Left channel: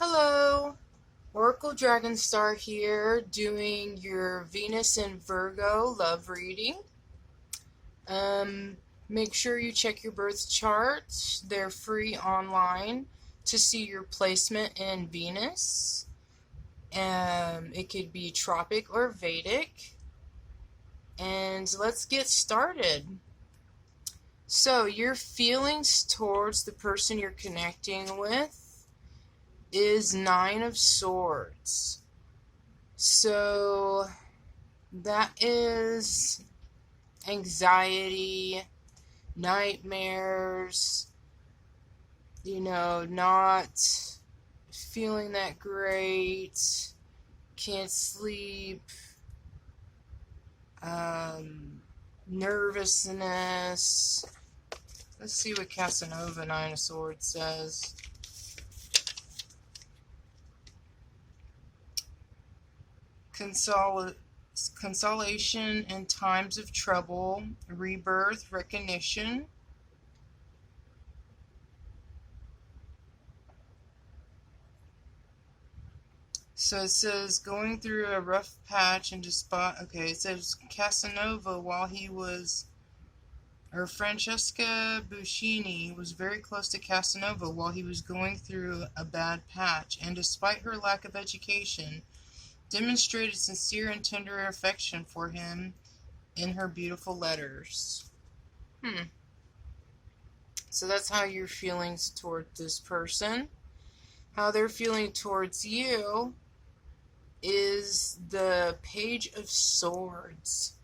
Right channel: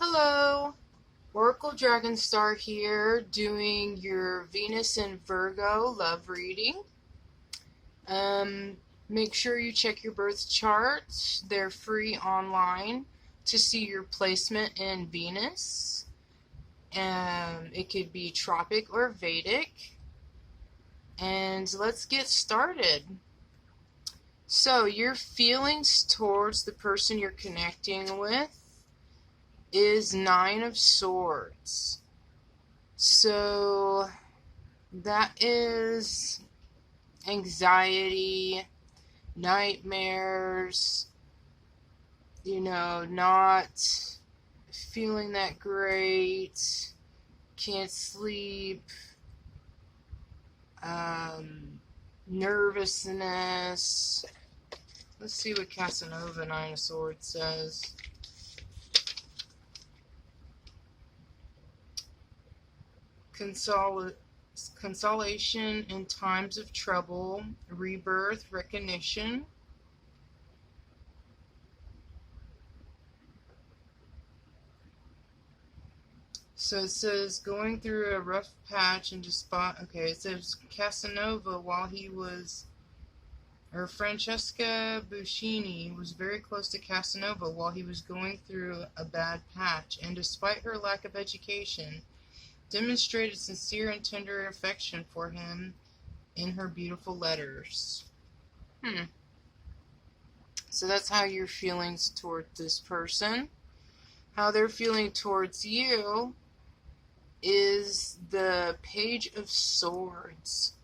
Hello, Oracle Dragonstar here, doing your Venus and Virgo love reading. Um, Make sure you check your birth charts. They're free online to see your placement in Venus. It could be tropic or Vedic. And let's get started. So, your feelings towards the person you're connecting with is Nine of Swords. So that is anxiety, nightmares, not feeling that great, can't sleep, nervousness. Let's see what Casanova Nine of Swords says. Consolation in times of trouble, rebirth, recognition. So it says going through a rough patch and okay, it says Casanova Francesca Buscini was very close to Casanova while he was going through a bad patch, and despite her lack of education, demonstrated sincere and tender affection for him in her beautiful letters. So that's how your feelings toward this person. How they're feeling towards you is the Page of Swords.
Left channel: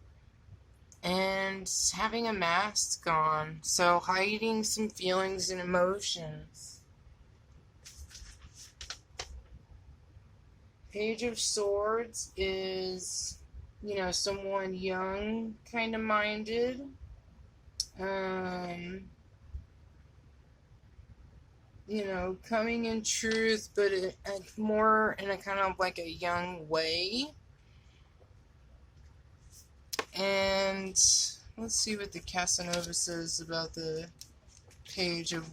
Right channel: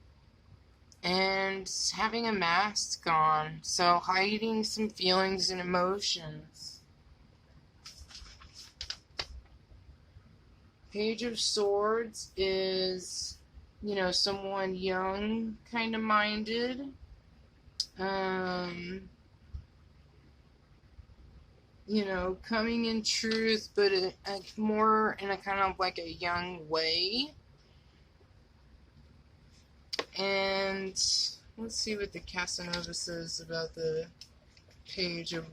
And having a mask on. So hiding some feelings and emotions. Page of Swords is, someone young, kind of minded. Coming in truth, but more in a kind of like a young way. And let's see what the Casanova says about the Page of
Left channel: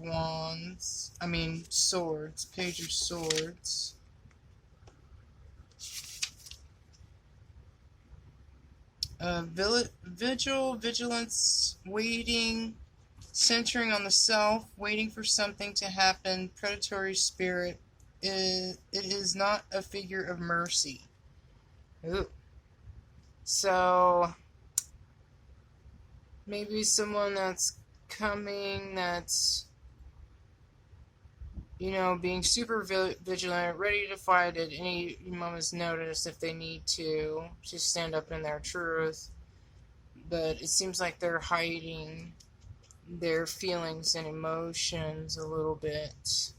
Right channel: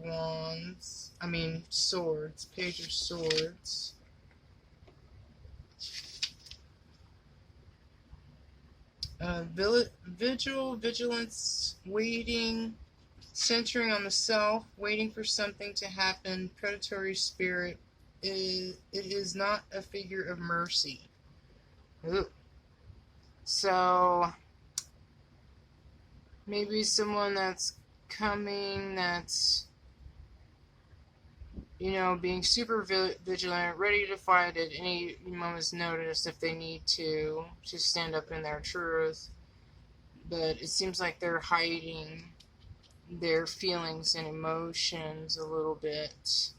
Swords. Page of Swords. Vigilance, waiting, centering on the self, waiting for something to happen, predatory spirit. It is not a figure of mercy. Ooh. So, maybe someone that's coming that's, being super vigilant, ready to fight at any moment's notice if they need to stand up in their truth. But it seems like they're hiding their feelings and emotions a little bit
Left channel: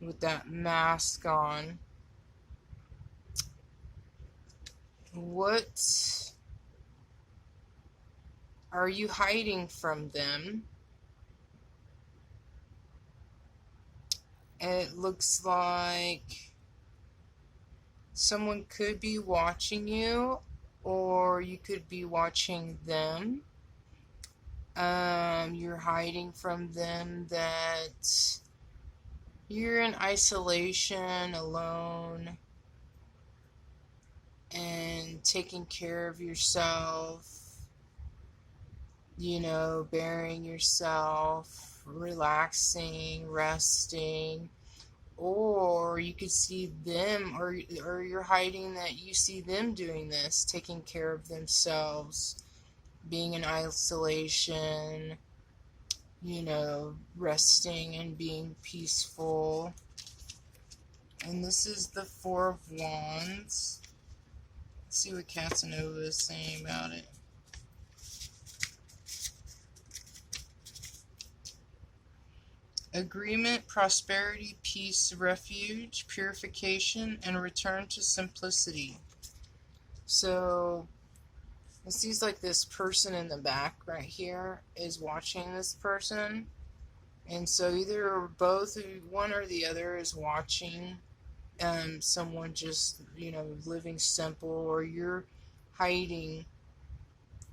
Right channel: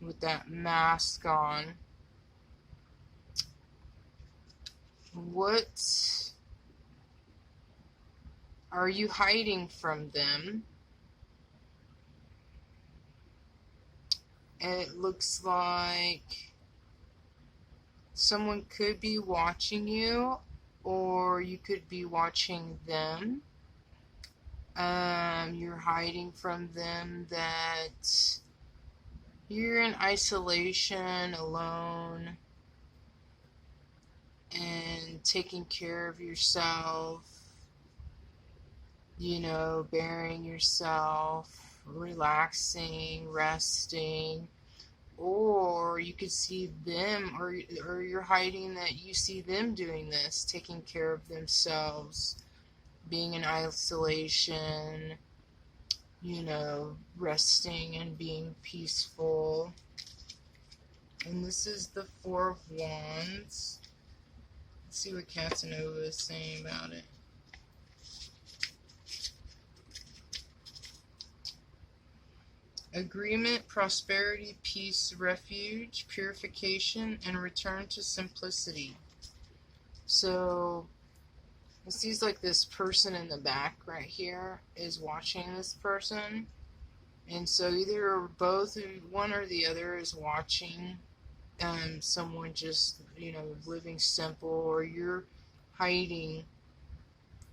with that mask on. What are you hiding from them? It looks like someone could be watching you, or you could be watching them. You're hiding from them that you're in isolation, alone, and taking care of yourself, bearing yourself, relaxing, resting. Or you could see them, or you're hiding that you see them doing this, taking care of themselves, being in isolation, resting and being peaceful. And this is the Four of Wands. Let's see what Casanova is saying about it. Agreement, prosperity, peace, refuge, purification, and return to simplicity. So, it seems like this person in the back right here is watching this person. And so either or both, one or the other is watching someone just, living simple, or you're hiding,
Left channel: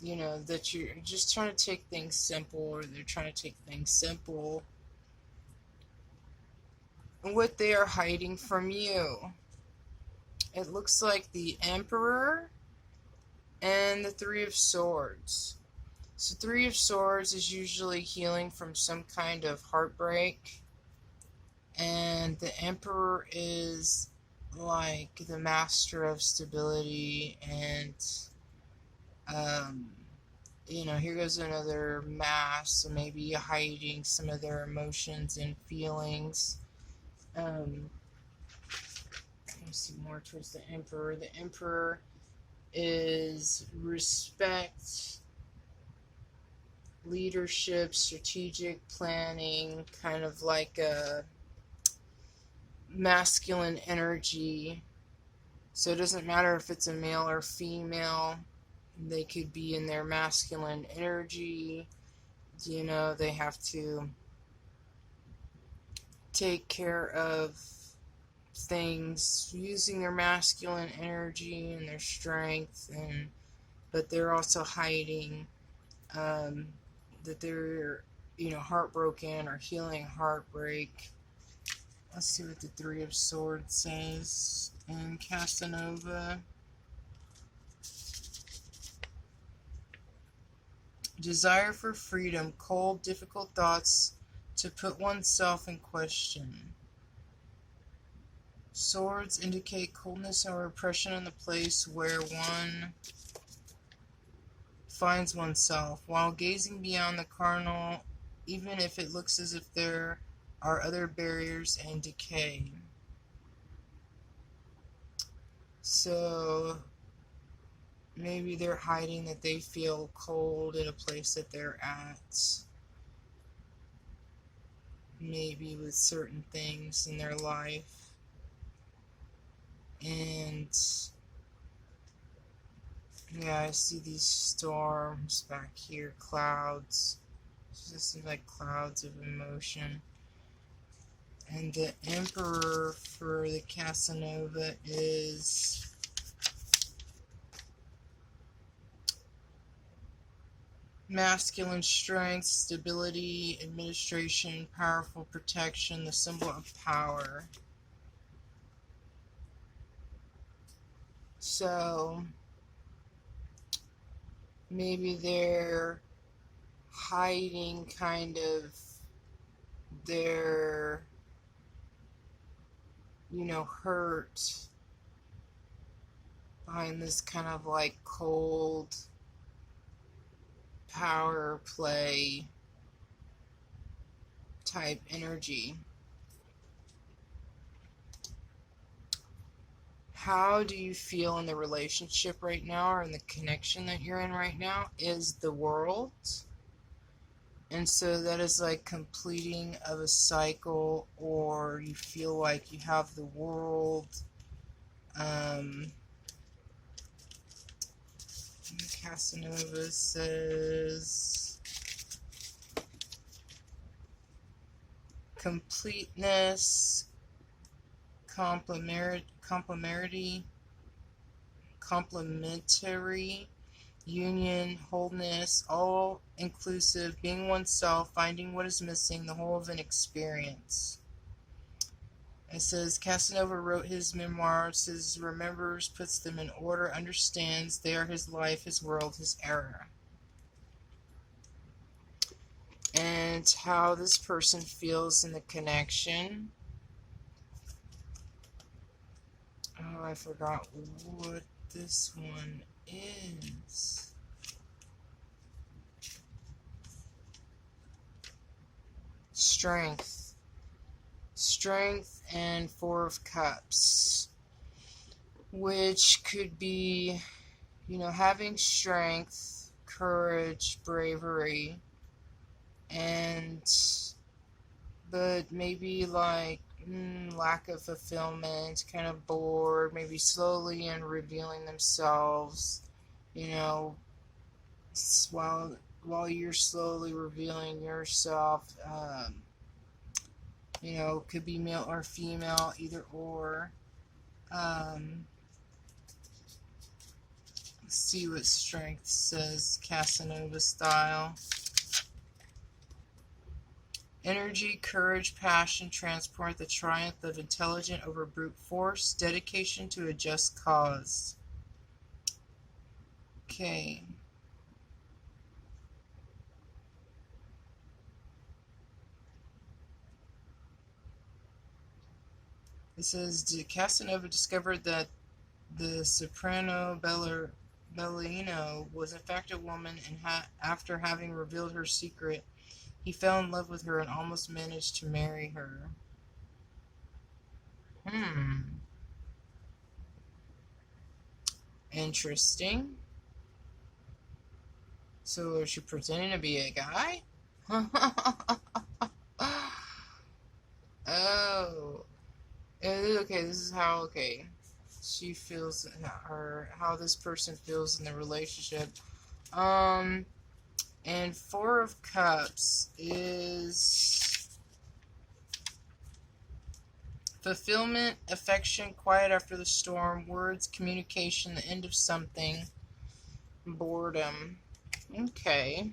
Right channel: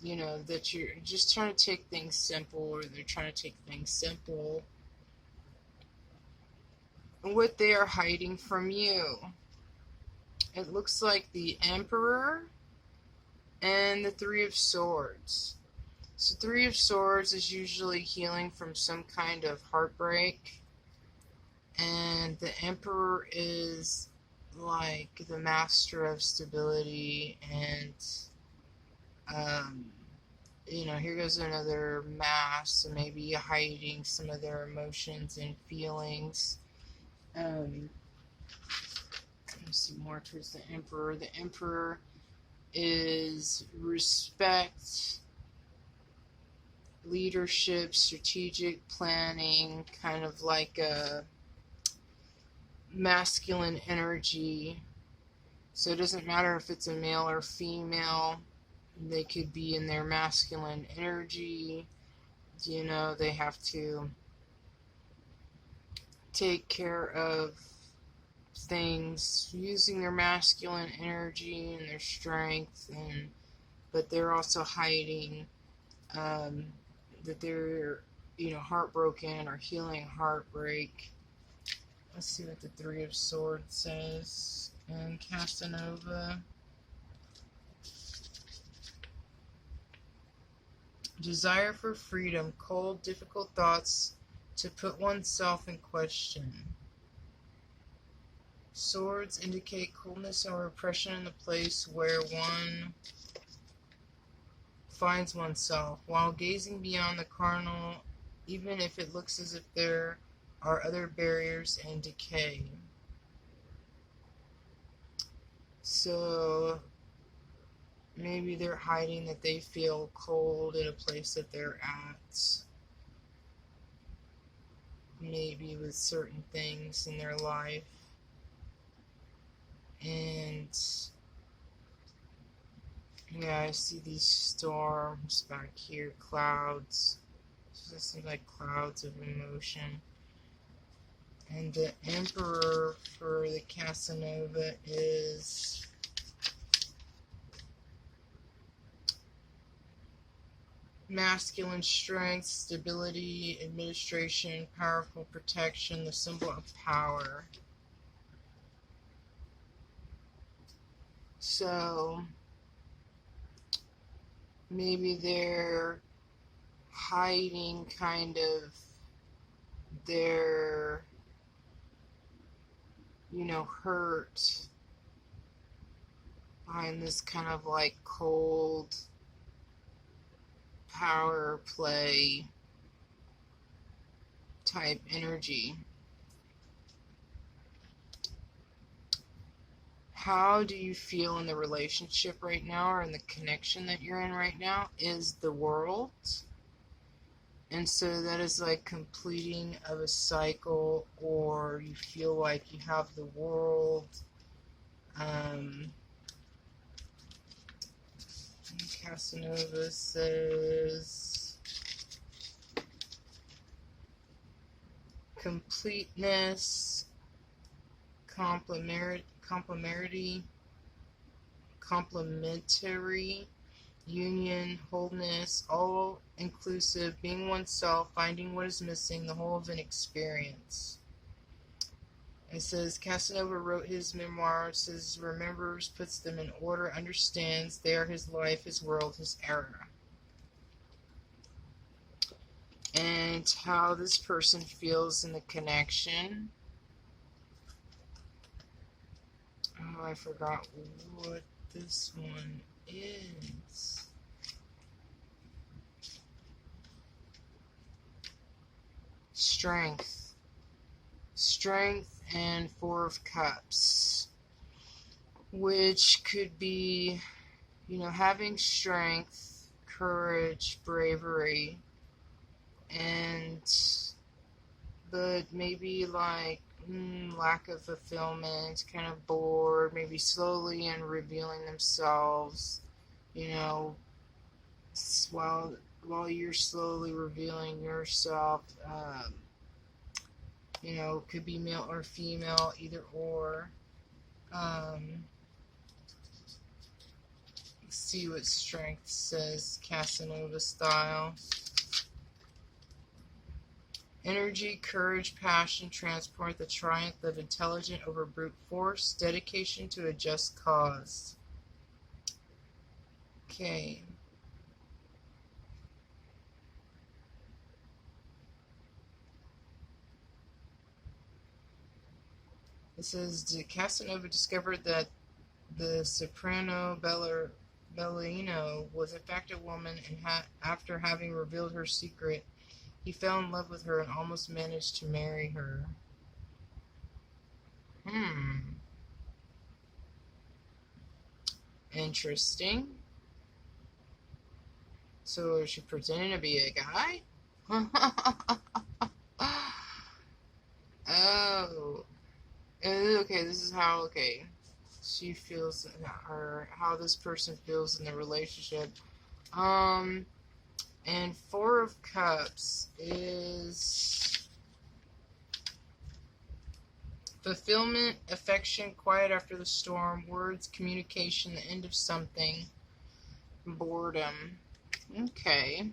that you're just trying to take things simple, or they're trying to take things simple. what they are hiding from you. It looks like the Emperor and the Three of Swords. So Three of Swords is usually healing from some kind of heartbreak. And the Emperor is like the master of stability and, here goes another mask, so maybe hiding some of their emotions and feelings. Let me see more towards the Emperor. The Emperor is respect, leadership, strategic planning, kind of like a masculine energy. So it doesn't matter if it's a male or female. They could be in their masculine energy. They have to take care of things using their masculine energy and their strength, but they're also hiding that they're heartbroken or healing heartbreak. Let's see what the Three of Swords says in Casanova. Desire for freedom, cold, difficult thoughts to put oneself in question. Swords indicate coldness and repression in the place where one finds oneself, while gazing beyond the carnal, even if it looks as if there are other barriers and decay. So maybe they're hiding that they feel cold in a place that they're at. Maybe with certain things in their life. And yeah, I see these storms back here, clouds. This is like clouds of emotion. And the Emperor for the Casanova is masculine strength, stability, administration, powerful protection, the symbol of power. So maybe they're hiding kind of their, hurt behind this kind of like cold power play type energy. How do you feel in the relationship right now, or in the connection that you're in right now, is the World. And so that is like completing of a cycle, or you feel like you have the World. Casanova says completeness, complementary, union, wholeness, all inclusive, being oneself, finding what is missing, the whole of an experience. It says Casanova wrote his memoirs, says remembers, puts them in order, understands they are his life, his world, his era. And how this person feels in the connection. Oh, I forgot what this one is. Strength and Four of Cups, which could be, having strength, courage, bravery, but maybe like lack of fulfillment, kind of bored, maybe slowly and revealing themselves, while you're slowly revealing yourself. Could be male or female, either or. Let's see what strength says, Casanova style. Energy, courage, passion, transport, the triumph of intelligent over brute force, dedication to a just cause. Okay. It says, Casanova discovered that the soprano Bellino was in fact a woman, and after having revealed her secret, he fell in love with her and almost managed to marry her. Interesting. So is she pretending to be a guy? Oh. Okay, this is how, okay, she feels, or how this person feels in the relationship. And Four of Cups is fulfillment, affection, quiet after the storm, words, communication, the end of something, boredom. Okay.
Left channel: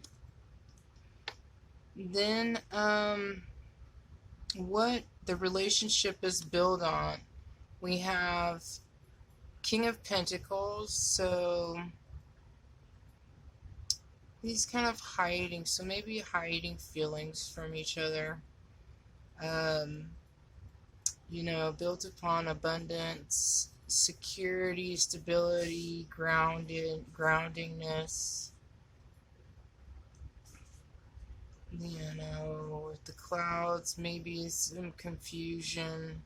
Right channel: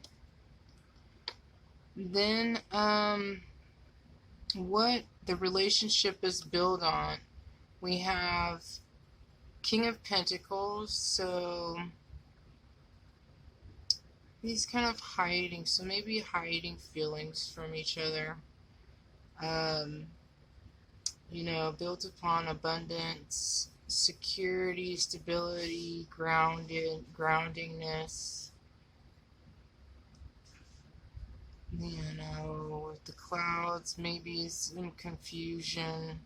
Then, what the relationship is built on. We have King of Pentacles, so he's kind of hiding, so maybe hiding feelings from each other. Built upon abundance, security, stability, groundingness. With the clouds, maybe some confusion.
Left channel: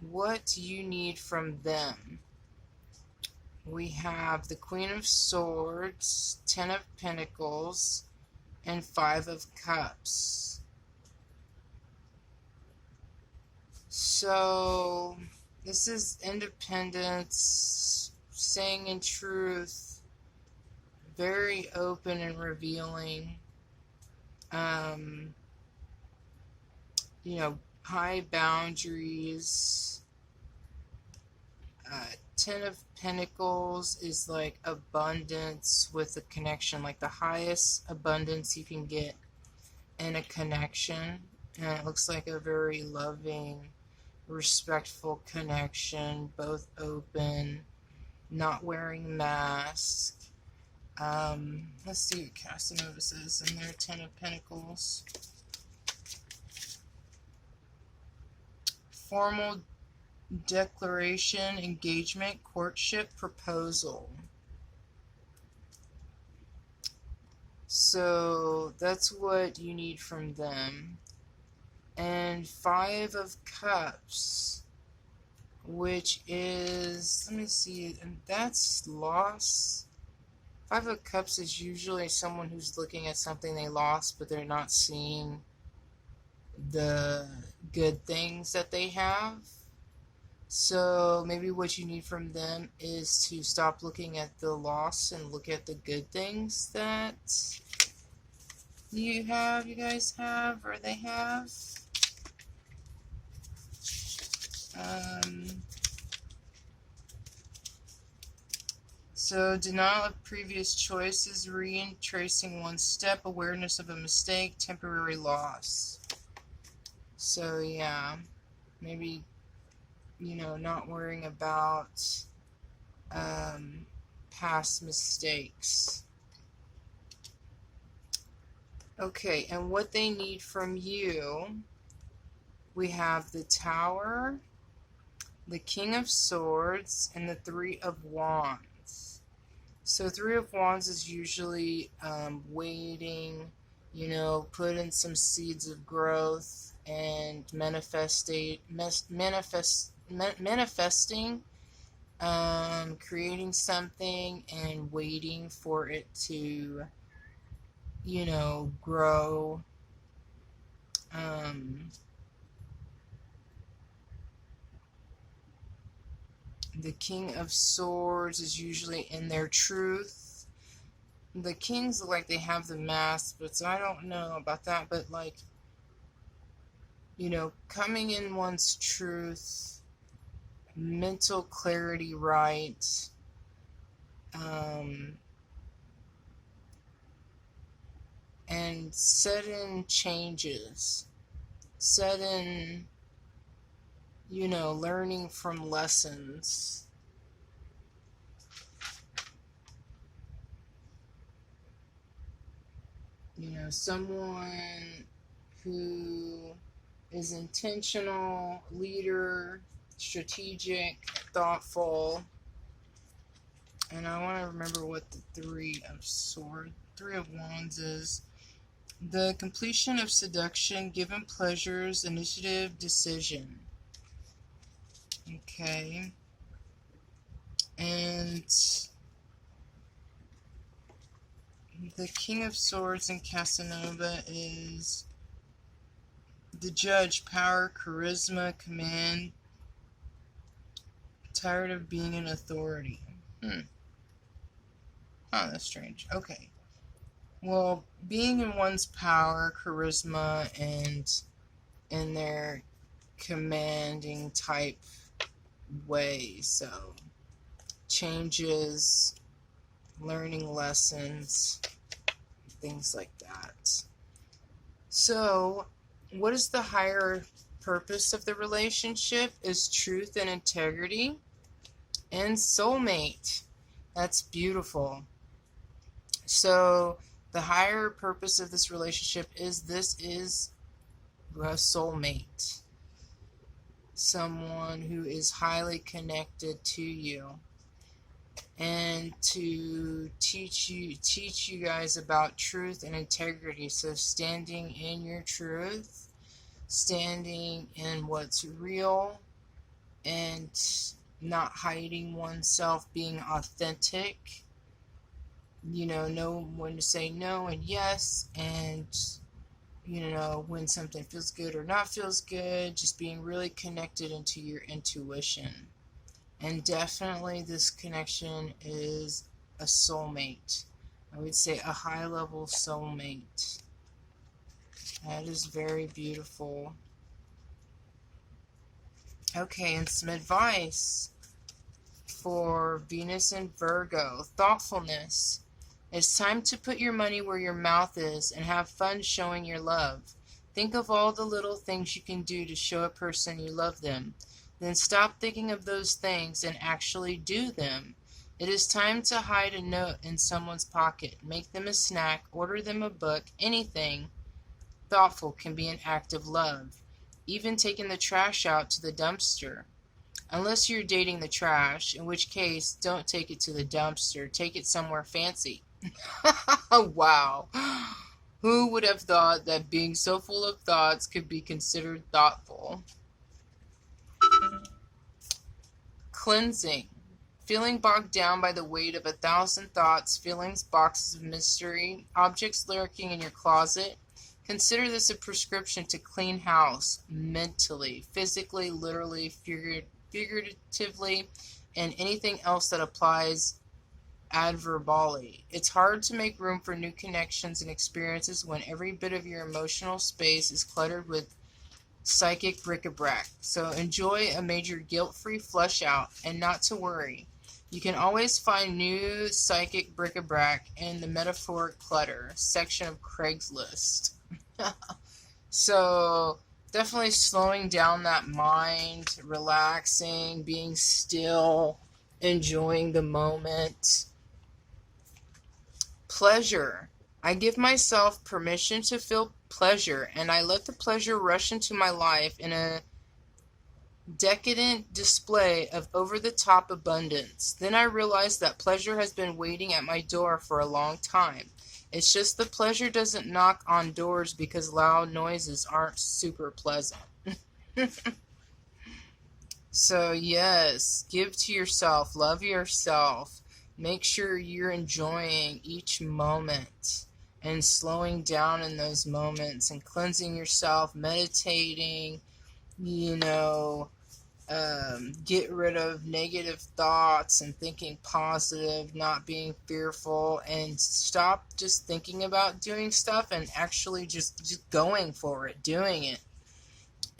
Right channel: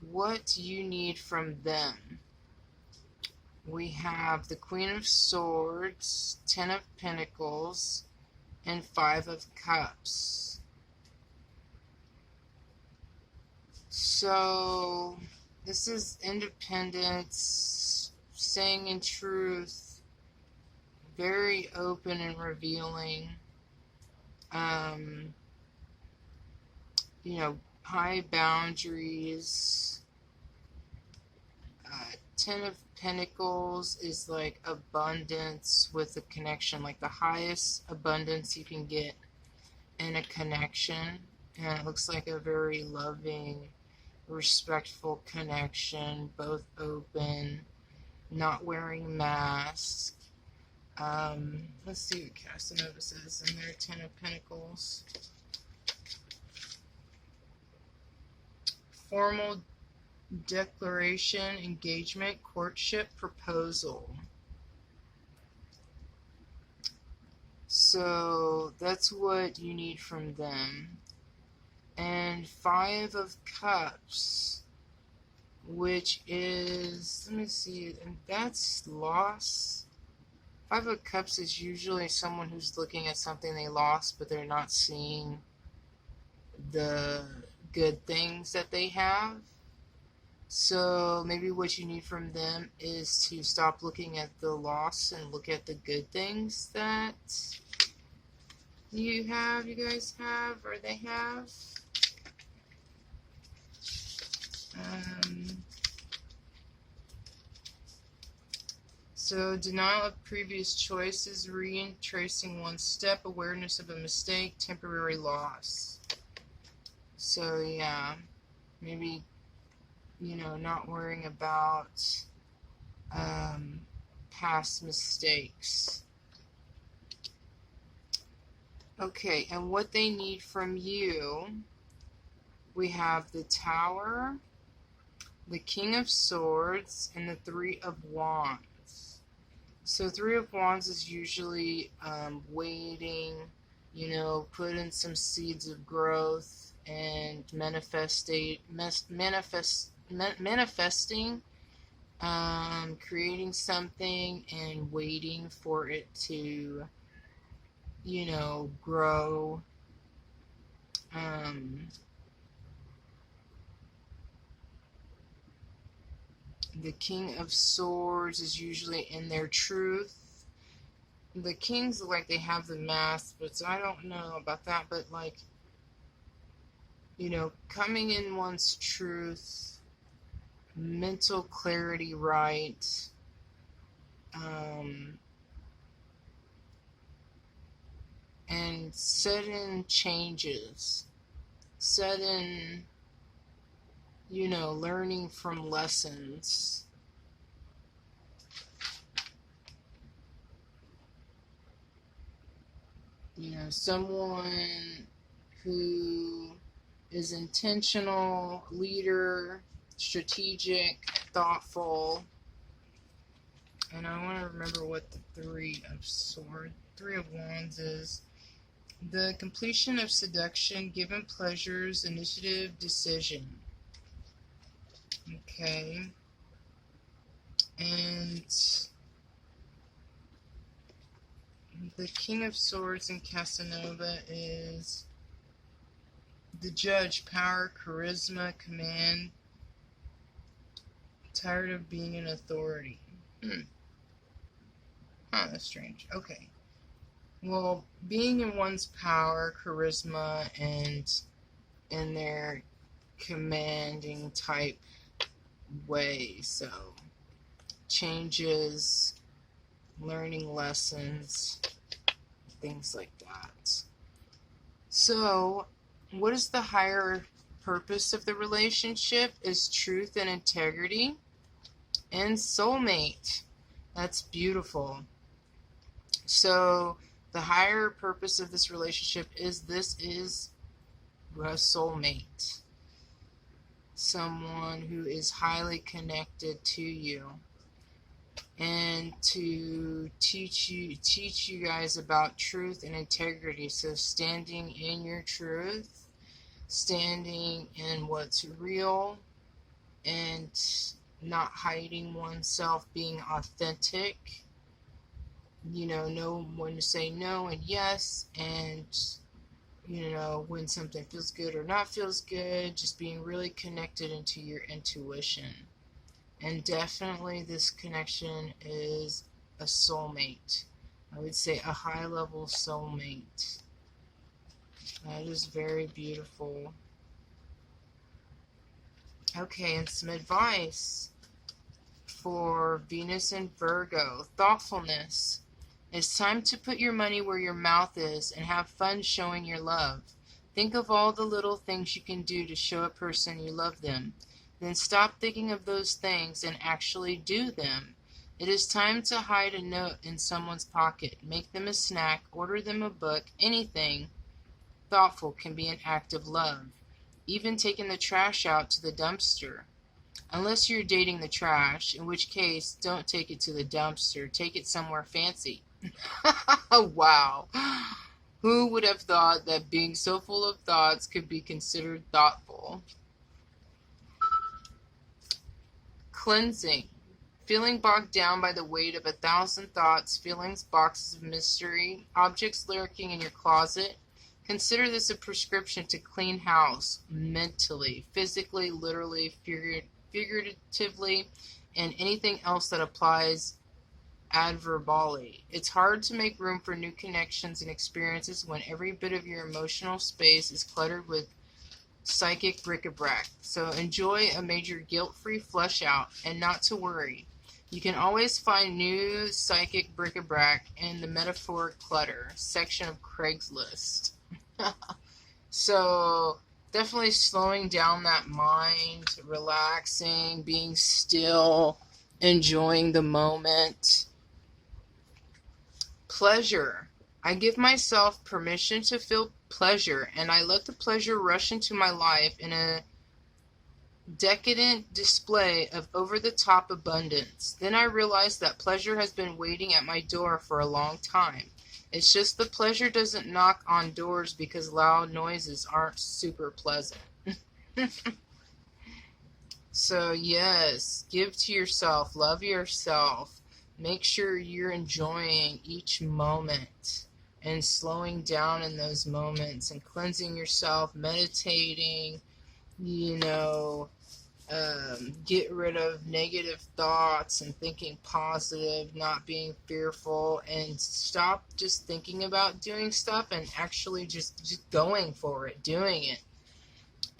What do you need from them? We have the Queen of Swords, Ten of Pentacles, and Five of Cups. So, this is independence, saying in truth, very open and revealing. High boundaries. Ten of Pentacles is like abundance with a connection, like the highest abundance you can get in a connection. And it looks like a very loving, respectful connection, both open, not wearing masks. Let's see what Casanova says in their Ten of Pentacles. Formal declaration, engagement, courtship, proposal. So that's what you need from them. And Five of Cups, which is, let me see, and that's loss. Five of Cups is usually someone who's looking at something they lost, but they're not seeing the good things that they have. So maybe what you need from them is to stop looking at the loss and look at the good things that you guys have, or they have. So denial of previous choices, retracing one step, awareness of a mistake, temporary loss. So yeah, maybe, not worrying about past mistakes. Okay, and what they need from you, we have the Tower, the King of Swords, and the Three of Wands. So Three of Wands is usually waiting, put in some seeds of growth and manifesting, creating something and waiting for it to, grow. The King of Swords is usually in their truth. The Kings look like they have the mask, but I don't know about that, but like, coming in one's truth, mental clarity right, and sudden changes, sudden, learning from lessons. Someone who is intentional, leader, strategic, thoughtful. And I want to remember what the Three of Wands is. The completion of seduction, given pleasures, initiative, decision. Okay. And the King of Swords in Casanova is the Judge, power, charisma, command, tired of being an authority. That's strange. Okay. Well, being in one's power, charisma, and in their commanding type way. So, changes, learning lessons, things like that. So, what is the higher purpose of the relationship? Is truth and integrity and soulmate. That's beautiful. So, the higher purpose of this relationship is a soulmate. Someone who is highly connected to you. And to teach you guys about truth and integrity. So standing in your truth, standing in what's real, and not hiding oneself, being authentic. Know when to say no and yes, and when something feels good or not feels good, just being really connected into your intuition. And definitely this connection is a soulmate. I would say a high-level soulmate. That is very beautiful. Okay, and some advice for Venus and Virgo. Thoughtfulness. It's time to put your money where your mouth is and have fun showing your love. Think of all the little things you can do to show a person you love them. Then stop thinking of those things and actually do them. It is time to hide a note in someone's pocket, make them a snack, order them a book, anything thoughtful can be an act of love. Even taking the trash out to the dumpster. Unless you're dating the trash, in which case, don't take it to the dumpster. Take it somewhere fancy. Wow. Who would have thought that being so full of thoughts could be considered thoughtful? Cleansing. Feeling bogged down by the weight of 1,000 thoughts, feelings, boxes of mystery, objects lurking in your closet. Consider this a prescription to clean house, mentally, physically, literally, figuratively, and anything else that applies adverbally. It's hard to make room for new connections and experiences when every bit of your emotional space is cluttered with psychic bric-a-brac. So enjoy a major guilt-free flush out, and not to worry. You can always find new psychic bric-a-brac in the metaphoric clutter section of Craigslist. So definitely slowing down that mind, relaxing, being still, enjoying the moment. Pleasure. I give myself permission to feel pleasure, and I let the pleasure rush into my life in a decadent display of over-the-top abundance. Then I realize that pleasure has been waiting at my door for a long time. It's just the pleasure doesn't knock on doors because loud noises aren't super pleasant. So yes, give to yourself, love yourself. Make sure you're enjoying each moment and slowing down in those moments and cleansing yourself, meditating, get rid of negative thoughts and thinking positive, not being fearful, and stop just thinking about doing stuff and actually just going for it, doing it.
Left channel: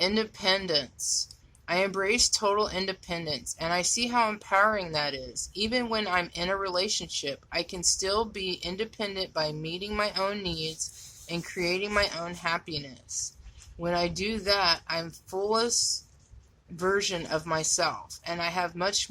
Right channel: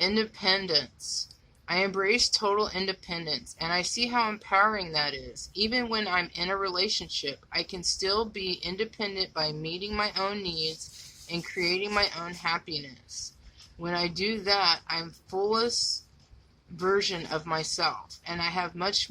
Independence. I embrace total independence, and I see how empowering that is. Even when I'm in a relationship, I can still be independent by meeting my own needs and creating my own happiness. When I do that, I'm fullest version of myself, and I have much